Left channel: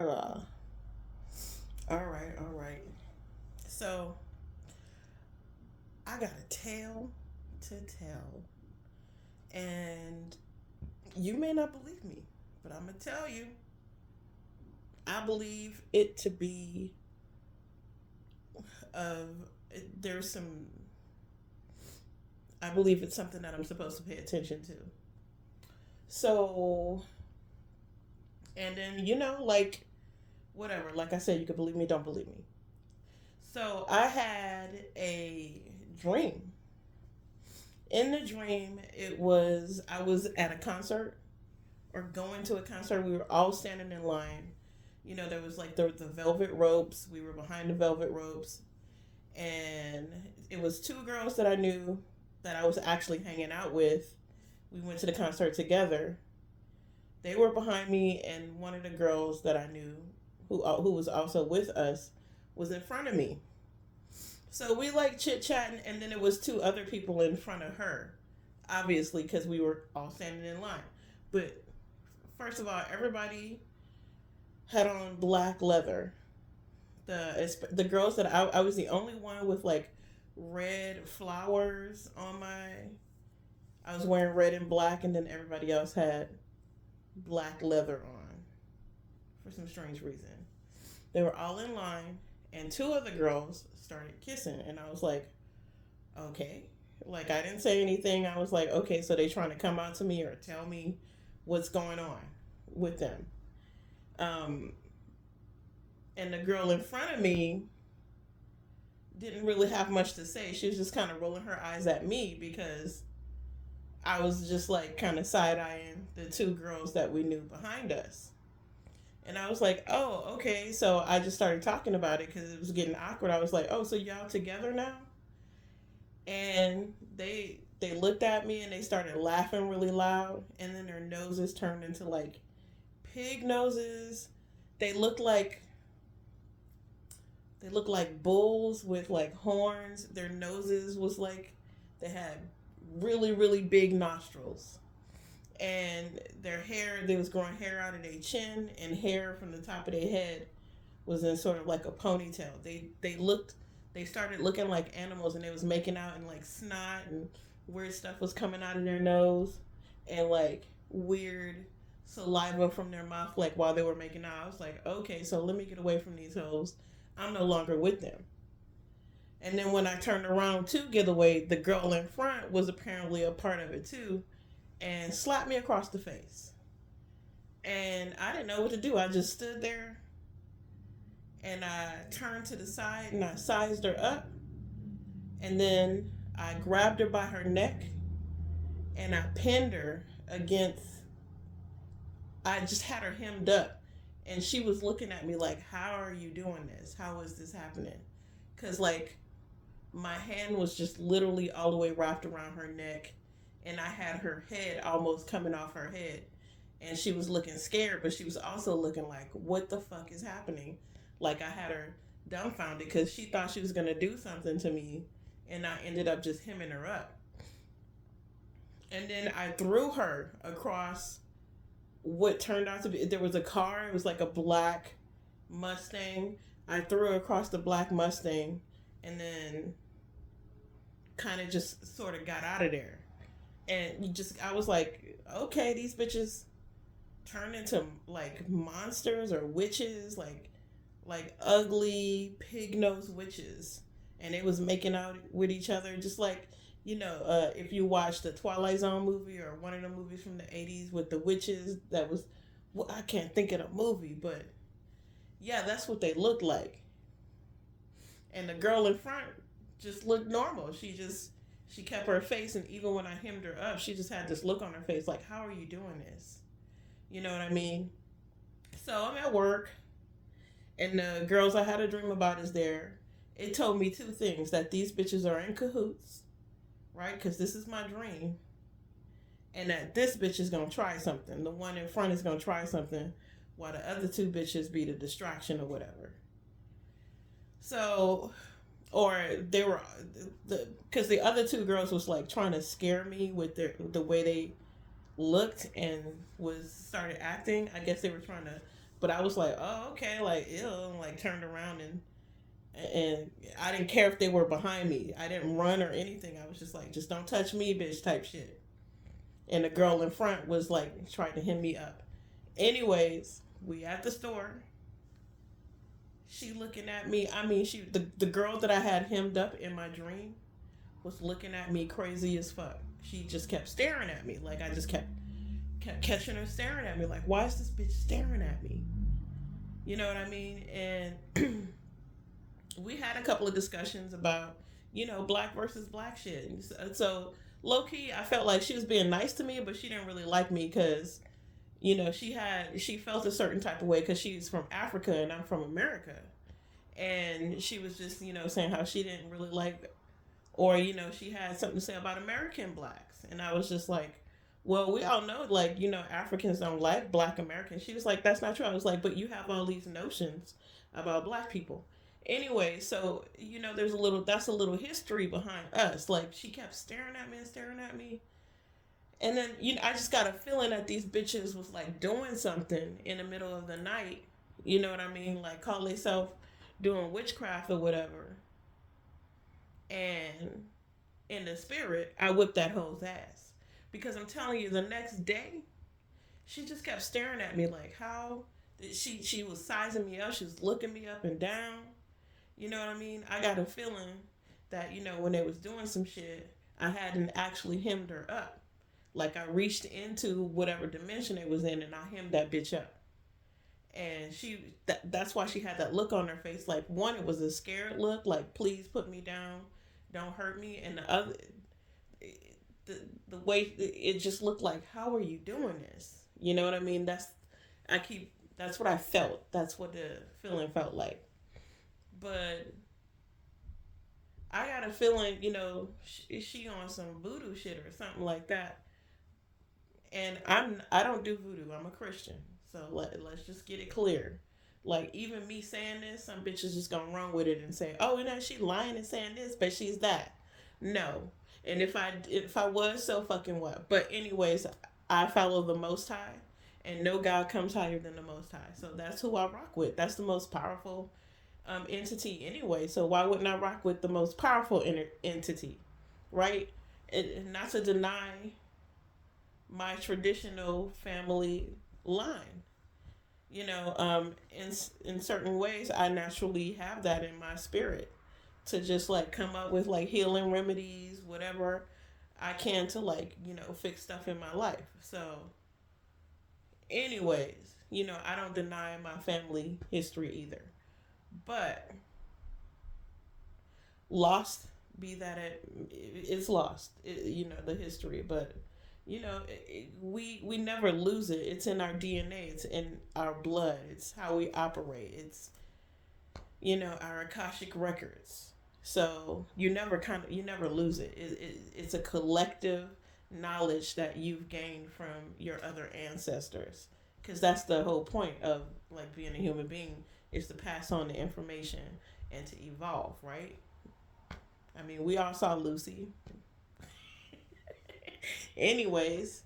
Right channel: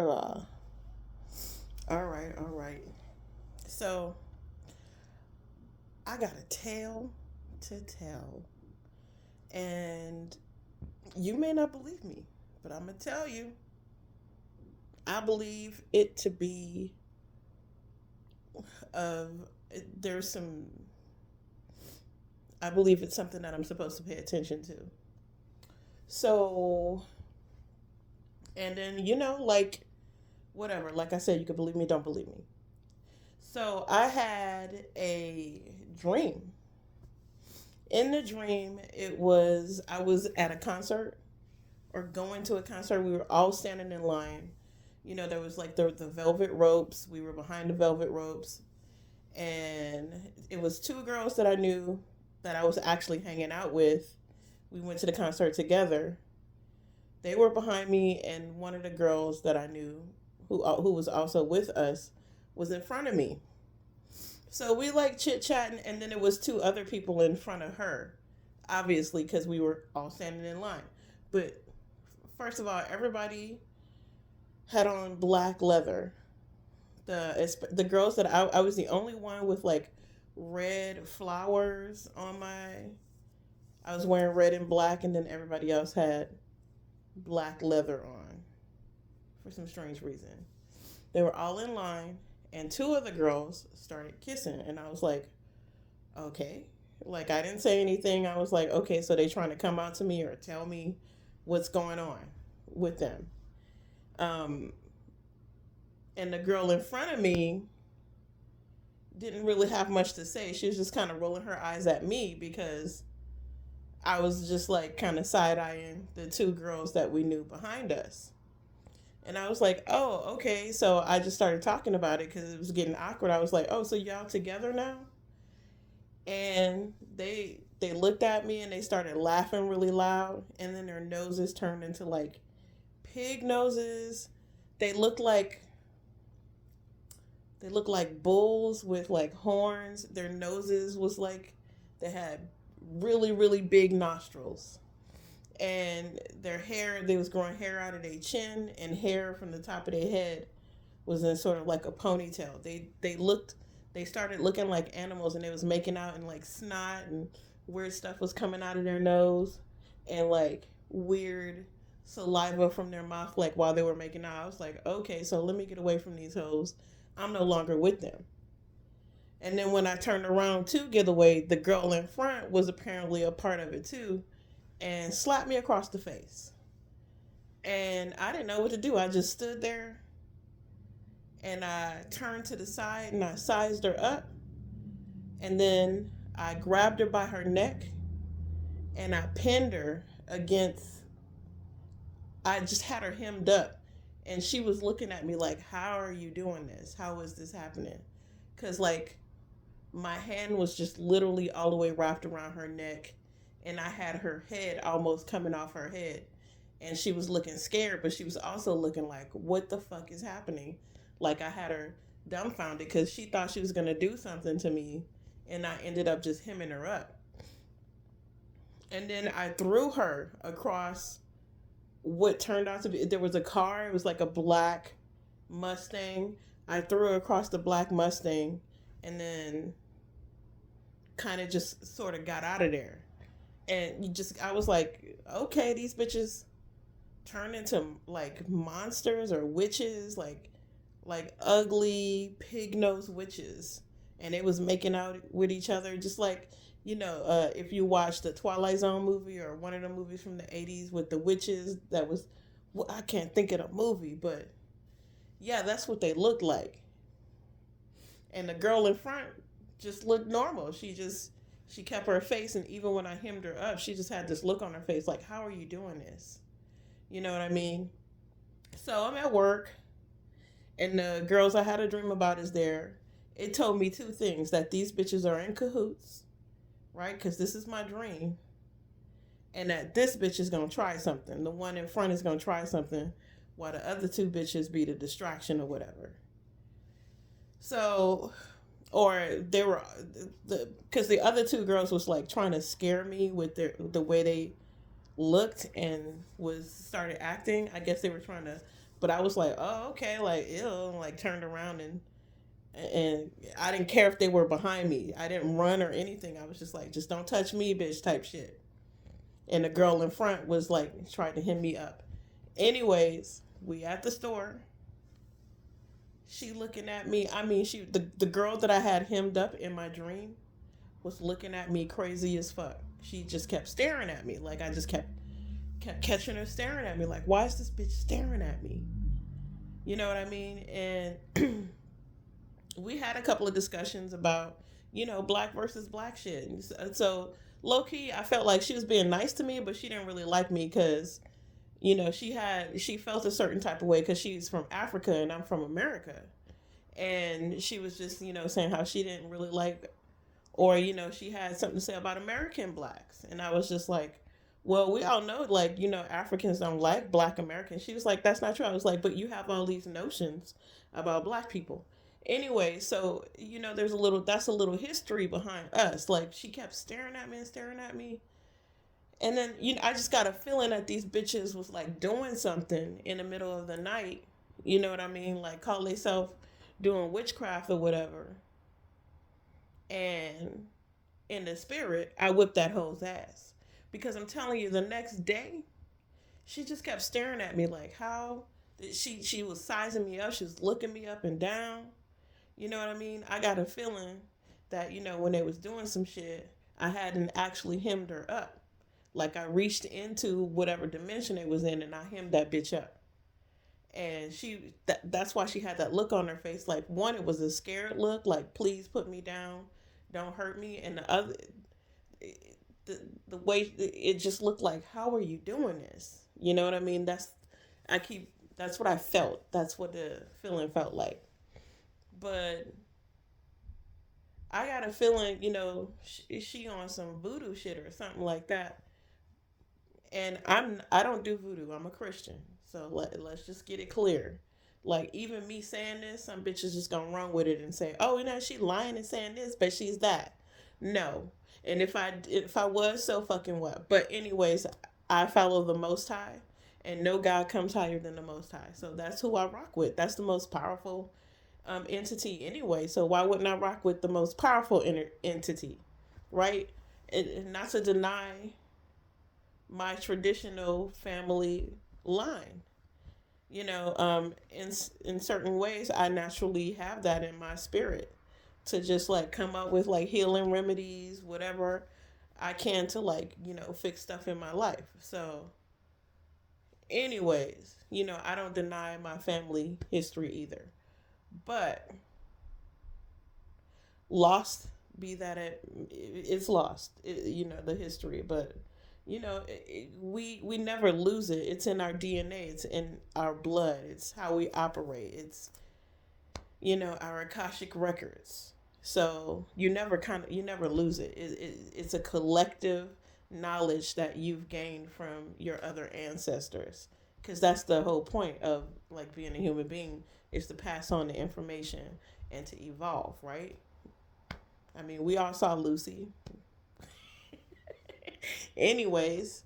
Uh, all right. So I got a tale to tell, and you may not believe me, but I'm gonna tell you. I believe it to be of there's some. I believe it's something that I'm supposed to pay attention to. So, and then like whatever. Like I said, you can believe me, don't believe me. So I had a dream. In the dream, it was I was at a concert or going to a concert. We were all standing in line. There was like the velvet ropes. We were behind the velvet ropes, and it was two girls that I knew that I was actually hanging out with. We went to the concert together. They were behind me, and one of the girls that I knew, who was also with us, was in front of me. So we like chit chatting, and then it was two other people in front of her, obviously because we were all standing in line. But first of all, everybody had on black leather. The girls that I was the only one with like red flowers on my. I was wearing red and black, and then everybody else had black leather on for some strange reason. They were all in line, and two of the girls started kissing, and I was like, okay. Like I didn't say anything. I was like, okay, so they trying to come out to me or tell me what's going on with them. Um, and the girl in front of me didn't really have much to say. She was just kind of rolling her eyes at me because I was just like kind of side eyeing the two girls that we knew behind us. And I was like, oh, okay. So I just started talking about it because it was getting awkward. I was like, oh, so y'all together now? And they looked at me and they started laughing really loud. And then their noses turned into like pig noses. They looked like they looked like bulls with like horns. Their noses was like they had really really big nostrils, and their hair, they was growing hair out of their chin, and hair from the top of their head was in sort of like a ponytail. They started looking like animals, and they was making out, and like snot and weird stuff was coming out of their nose, and like weird saliva from their mouth, like while they were making out. I was like, okay, so let me get away from these hoes. I'm no longer with them. And then when I turned around to get away, the girl in front was apparently a part of it too, and slapped me across the face. And I didn't know what to do. I just stood there, and I turned to the side and I sized her up, and then I grabbed her by her neck and I pinned her against. I just had her hemmed up, and she was looking at me like, "How are you doing this? How is this happening?" Because like my hand was just literally all the way wrapped around her neck, and I had her head almost coming off her head, and she was looking scared, but she was also looking like, what the fuck is happening? Like I had her dumbfounded because she thought she was gonna do something to me, and I ended up just hemming her up. And then I threw her across what turned out to be, there was a car. It was like a black Mustang. I threw her across the black Mustang, and then kind of just sort of got out of there. And you just, I was like, okay, these bitches turn into like monsters or witches, like ugly pig nosed witches, and it was making out with each other, just like if you watch the Twilight Zone movie or one of the movies from the '80s with the witches. That was, well, I can't think of the movie, but yeah, that's what they looked like. And the girl in front just looked normal. She kept her face, and even when I hemmed her up, she just had this look on her face like, how are you doing this? You know what I mean? So I'm at work, and the girls I had a dream about is there. It told me two things: that these bitches are in cahoots, right? Because this is my dream, and that this bitch is gonna try something. The one in front is gonna try something, while the other two bitches be the distraction or whatever. So, or they were because the other two girls was like trying to scare me with the way they looked and was started acting. I guess they were trying to but I was like, oh, okay, like, ew, and, like, turned around and I didn't care if they were behind me. I didn't run or anything. I was just like, just don't touch me, bitch, type shit. And the girl in front was like trying to hem me up. Anyways, we at the store. She looking at me. I mean, the girl that I had hemmed up in my dream was looking at me crazy as fuck. She just kept staring at me. Like I just kept catching her staring at me. Like, why is this bitch staring at me? You know what I mean? And we had a couple of discussions about, black versus black shit. So low key, I felt like she was being nice to me, but she didn't really like me because, she felt a certain type of way because she's from Africa and I'm from America. And she was just, saying how she didn't really like, or, she had something to say about American blacks. And I was just like, well, we all know, like, Africans don't like black Americans. She was like, that's not true. I was like, but you have all these notions about black people. Anyway, so, that's a little history behind us. Like, she kept staring at me and staring at me. And then, I just got a feeling that these bitches was, like, doing something in the middle of the night. You know what I mean? Like, call themselves doing witchcraft or whatever. And in the spirit, I whipped that hoe's ass. Because I'm telling you, the next day, she just kept staring at me like, how? She was sizing me up. She was looking me up and down. You know what I mean? I got a feeling that, when they was doing some shit, I hadn't actually hemmed her up. Like I reached into whatever dimension it was in and I hemmed that bitch up. And that's why she had that look on her face. Like, one, it was a scared look, like, please put me down, don't hurt me. And the other, the way it just looked like, how are you doing this? You know what I mean? That's what I felt. That's what the feeling felt like. But I got a feeling, she on some voodoo shit or something like that. And I don't do voodoo. I'm a Christian. So let's just get it clear. Like, even me saying this, some bitches just gonna run with it and say, oh, she lying and saying this, but she's that. No. And if I was, so fucking what? But anyways, I follow the Most High, and no God comes higher than the Most High. So that's who I rock with. That's the most powerful entity anyway. So why wouldn't I rock with the most powerful entity, right? And not to deny my traditional family line. In certain ways, I naturally have that in my spirit to just like come up with like healing remedies, whatever I can to like, fix stuff in my life. So, anyways, I don't deny my family history either. But lost, be that it's lost, the history, but we never lose it. It's in our DNA. It's in our blood. It's how we operate. It's our Akashic records. So you never lose it. It's a collective knowledge that you've gained from your other ancestors. Because that's the whole point of like being a human being, is to pass on the information and to evolve, right? I mean, we all saw Lucy. Anyways,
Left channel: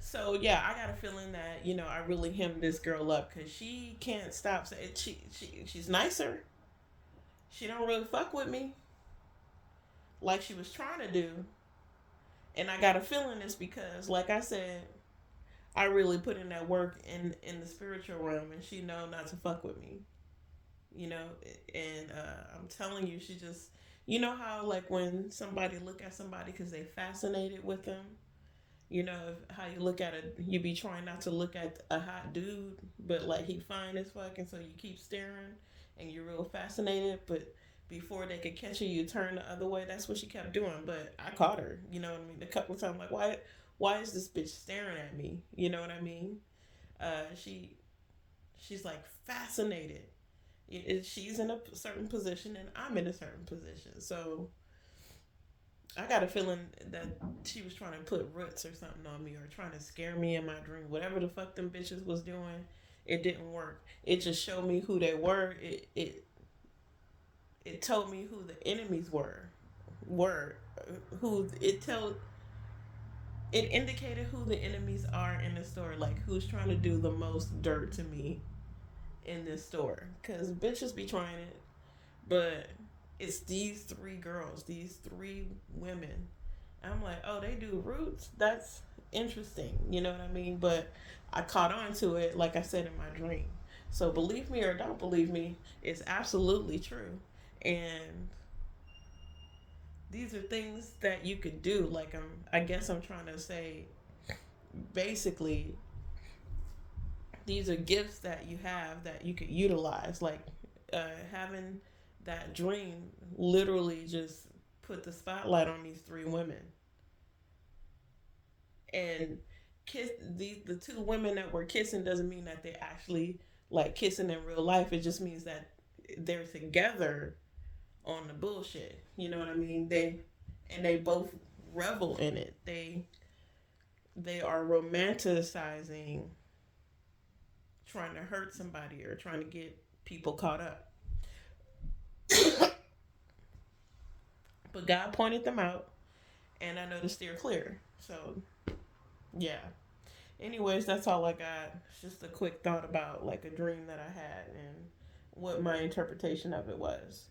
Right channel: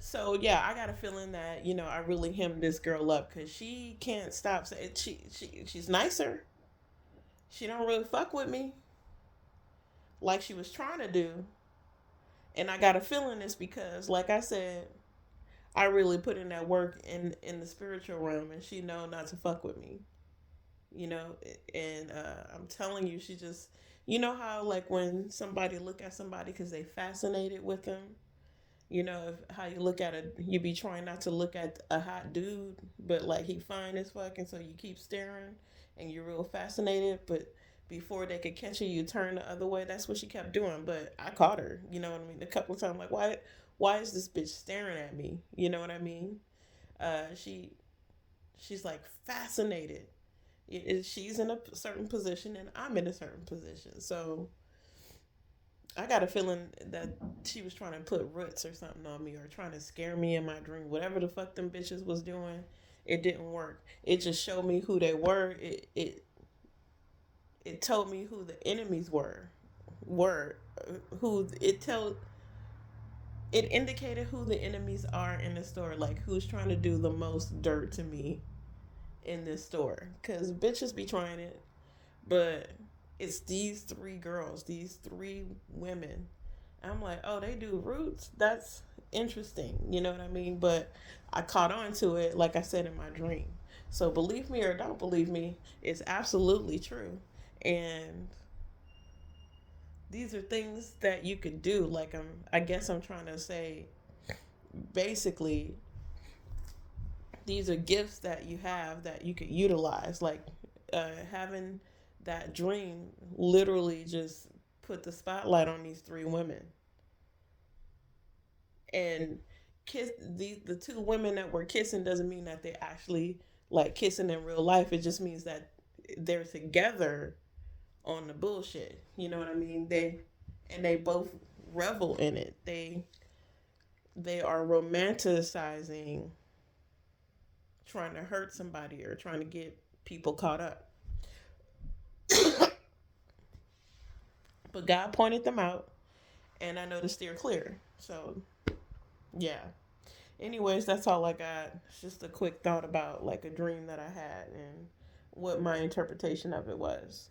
so yeah, I got a feeling that I really hemmed this girl up because she can't stop saying she's nicer. She don't really fuck with me like she was trying to do, and I got a feeling it's because, like I said, I really put in that work in the spiritual realm, and she know not to fuck with me. You know, and I'm telling you, she just, how like when somebody look at somebody because they fascinated with them, how you look at it, you be trying not to look at a hot dude, but like he fine as fuck, and so you keep staring, and you're real fascinated, but before they could catch you, you turn the other way. That's what she kept doing, but I caught her. You know what I mean? A couple of times, like, why is this bitch staring at me? You know what I mean? She's like fascinated. She's in a certain position, and I'm in a certain position, so I got a feeling that she was trying to put roots or something on me, or trying to scare me in my dream. Whatever the fuck them bitches was doing, it didn't work. It just showed me who they were. It told me who the enemies were who it indicated who the enemies are in the store, like who's trying to do the most dirt to me in this store. Because bitches be trying it, but it's these three girls, these three women. I'm like, oh, they do roots? That's interesting. You know what I mean? But I caught on to it, like I said, in my dream. So believe me or don't believe me, it's absolutely true. And these are things that you could do. Like I guess I'm trying to say, basically, these are gifts that you have that you could utilize. Like having that dream literally just put the spotlight on these three women and kiss the two women that were kissing doesn't mean that they actually like kissing in real life. It just means that they're together on the bullshit. You know what I mean? They both revel in it. They are romanticizing trying to hurt somebody or trying to get people caught up. But God pointed them out, and I know to steer clear. So yeah. Anyways, that's all I got. It's just a quick thought about like a dream that I had and what my interpretation of it was.